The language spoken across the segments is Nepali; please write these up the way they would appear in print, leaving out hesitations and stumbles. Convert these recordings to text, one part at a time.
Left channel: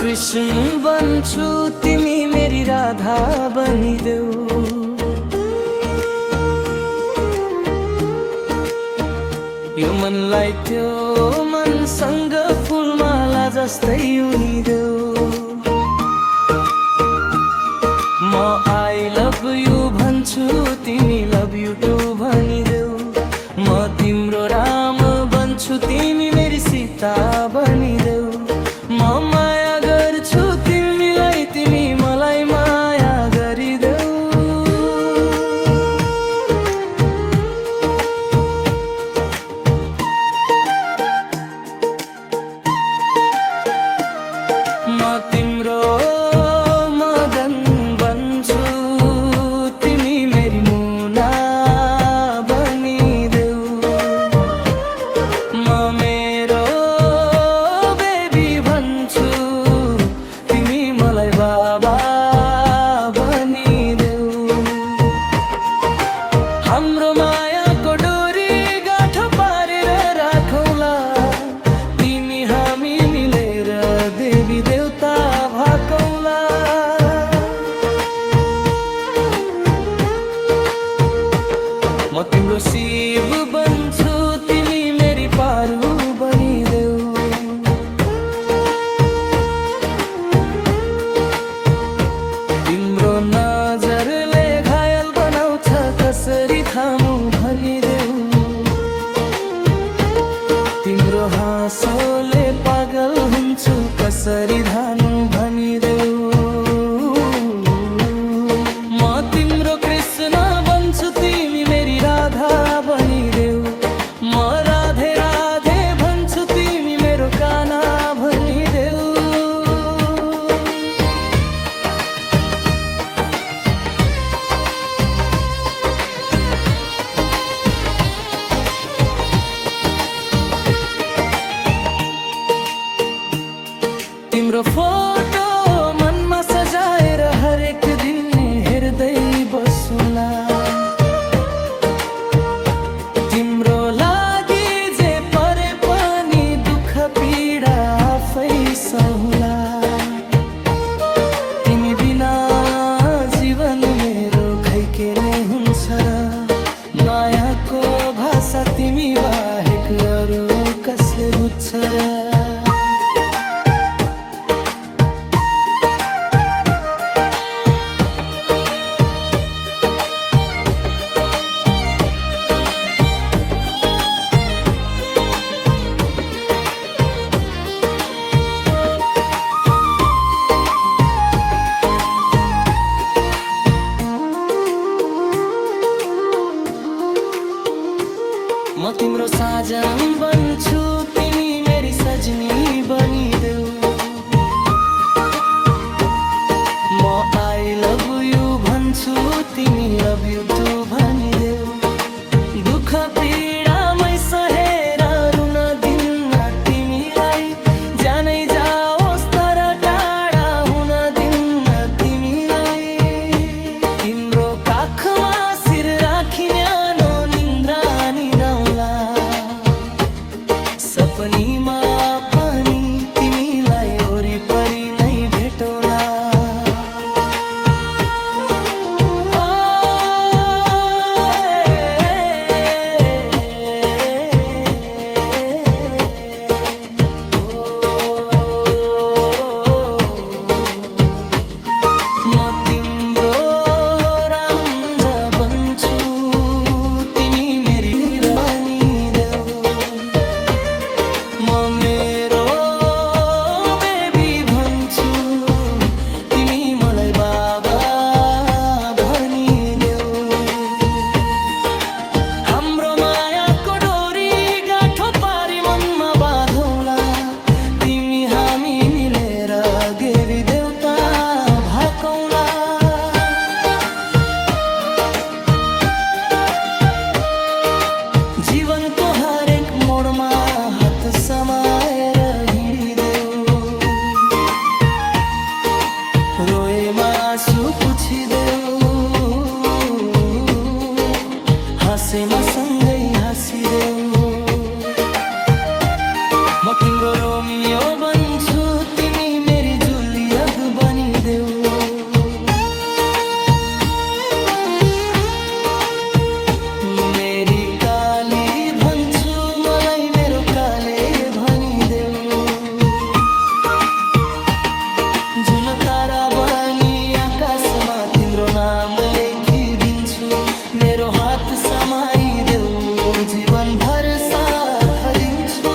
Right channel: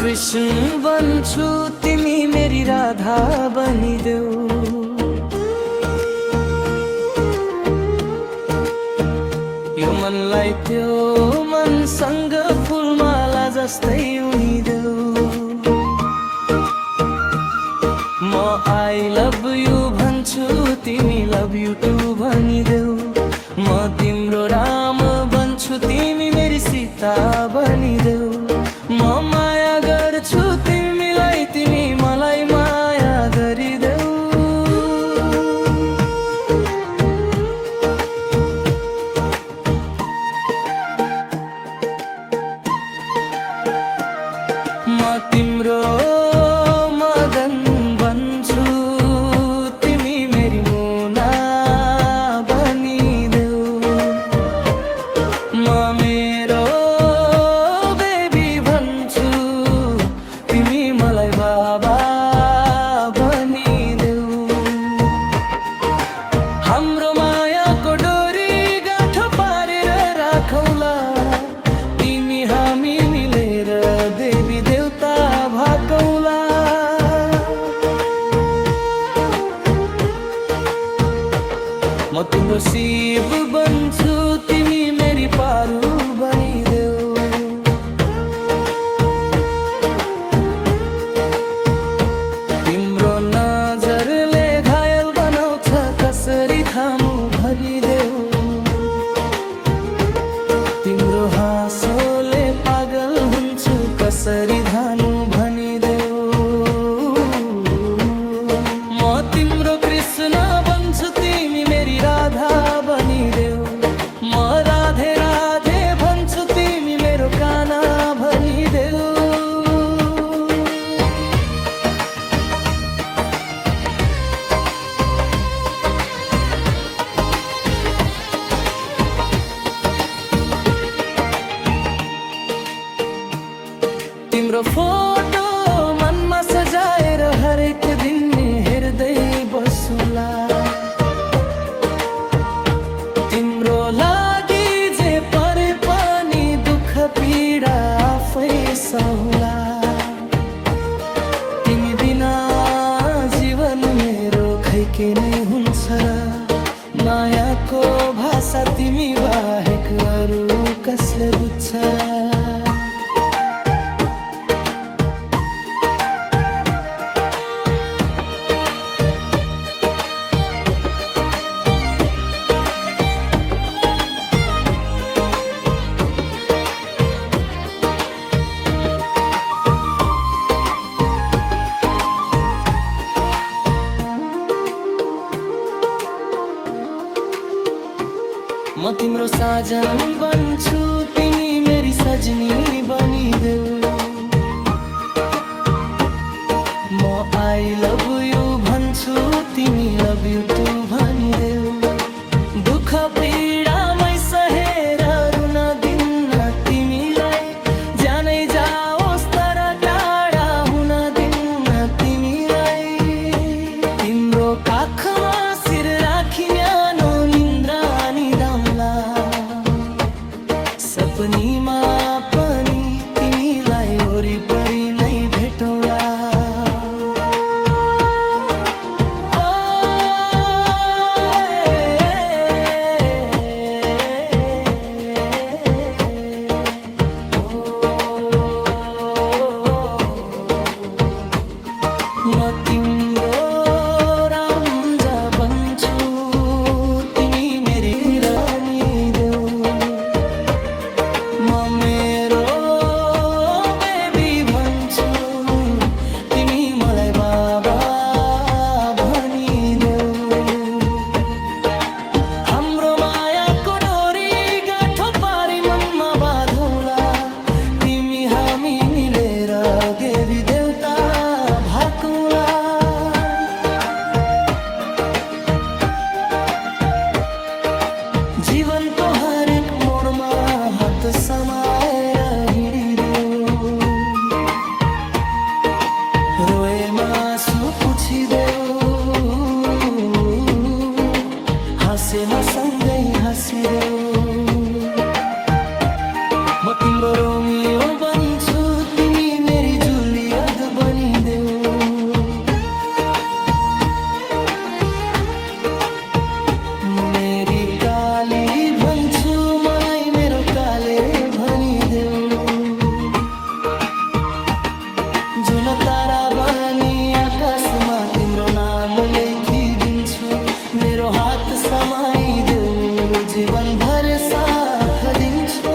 कृष्ण बन्छु तिमी मेरी राधा बनिदेऊ। यो मनलाई त्यो मनसँग फुलमाला जस्तै उनिदेऊ। म आई लभ यु भन्छु तिमी लभ यु टु भनिदेऊ। म तिम्रो राम बन्छु तिमी मेरी सीता बनिदेऊ। म माया गर्छु तिमीलाई तिमी मलाई माया गरिदेऊ। म तिम्रो मदन बन्छु तिमी मेरी मुना बनिदेऊ। म मेरो बेबी भन्छु तिमी मलाई बाबा बनिदेऊ। हाम्रो मायाको डोरी गाँठो पारेर राखौला तिमी हामी मिलेर देवी देवता भाकौला। म तिम्रो शिव बन्छु तिमी मेरी पारू बनिदेऊ। तिम्रो नजरले घायल बनाउँछ कसरी थामु भनिदेऊ। तिम्रो हाँसोले पागल हुन्छु कसरी धानु भनिदेऊ। म तिम्रो कृष्ण बन्छु तिमी मेरी राधा बनिदेऊ। म राधे राधे भन्छु तिमी मेरो काना भनिदेऊ। तिम्रो फोटो मनमा सजाएर हरेक दिन हेर्दै बसुला। तिम्रो लागि जे परे पनि दुःख पीडा आफै सहुला। तिमी बिना जीवन मेरो खै के नै हुन्छ र। मायाको भाषा तिमी बाहेक अरू कसले बुझ्छ र। म तिम्रो साजन बन्छु तिमी मेरी सजनी बनिदेऊ। म आई लभ यु भन्छु तिमी लभ यु टु भनिदेऊ। दुःख पीडामै सहेर रुन दिन्न तिमीलाई जानै जाओस् तर टाढा हुन दिन्न तिमीलाई। तिम्रो काखमा शिर राखी न्यानो निन्द्रा निदाउला। सपनीमा पनि तिमीलाई वरिपरि नै भेटौला। म तिम्रो राम बन्छु तिमी मेरी रानीदेऊ। म मेरो बेबी भन्छु तिमी मलाई बाबा भनिदेऊ। हाम्रो मायाको डोरी गाँठो पारी मनमा बाँधौला तिमी हामी मिलेर देवी देवता भाकौला। जीवनको हरेक मोडमा हात समाएर हिँडिदेऊ। रोएमा आँसु पुछिदेऊ। हाँसेमा सँगै हाँसिदेऊ। म म तिम्रो रोमियो बन्छु तिमी मेरी जुलियत बनिदेऊ मेरी काली भन्छु मलाई मेरो काले भनिदेऊ जुन तारा बनी आकाशमा तिम्रो नाम लेखिदिन्छु मेरो हात समाइदेऊ जीवनभर साथ दिन्छु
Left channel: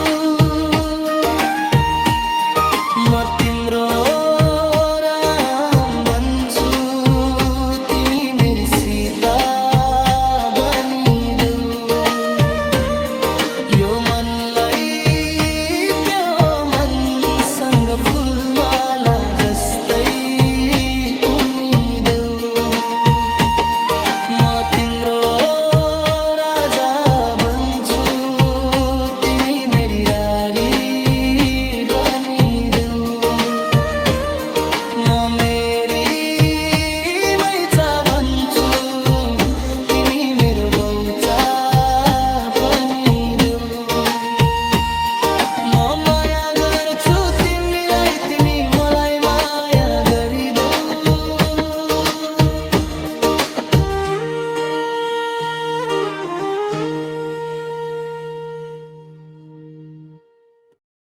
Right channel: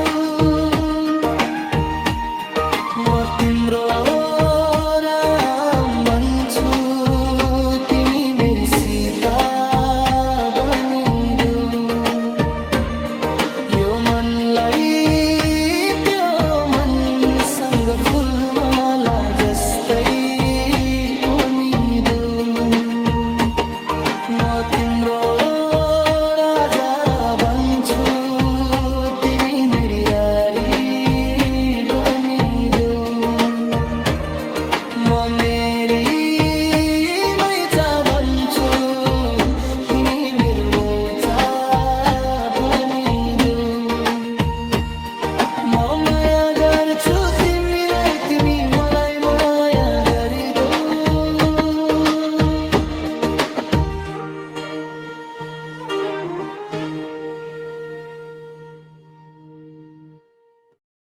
म तिम्रो राम बन्छु तिमी मेरी सीता बनिदेऊ यो मनलाई त्यो मनसँग फुलमाला जस्तै उनिदेऊ म तिम्रो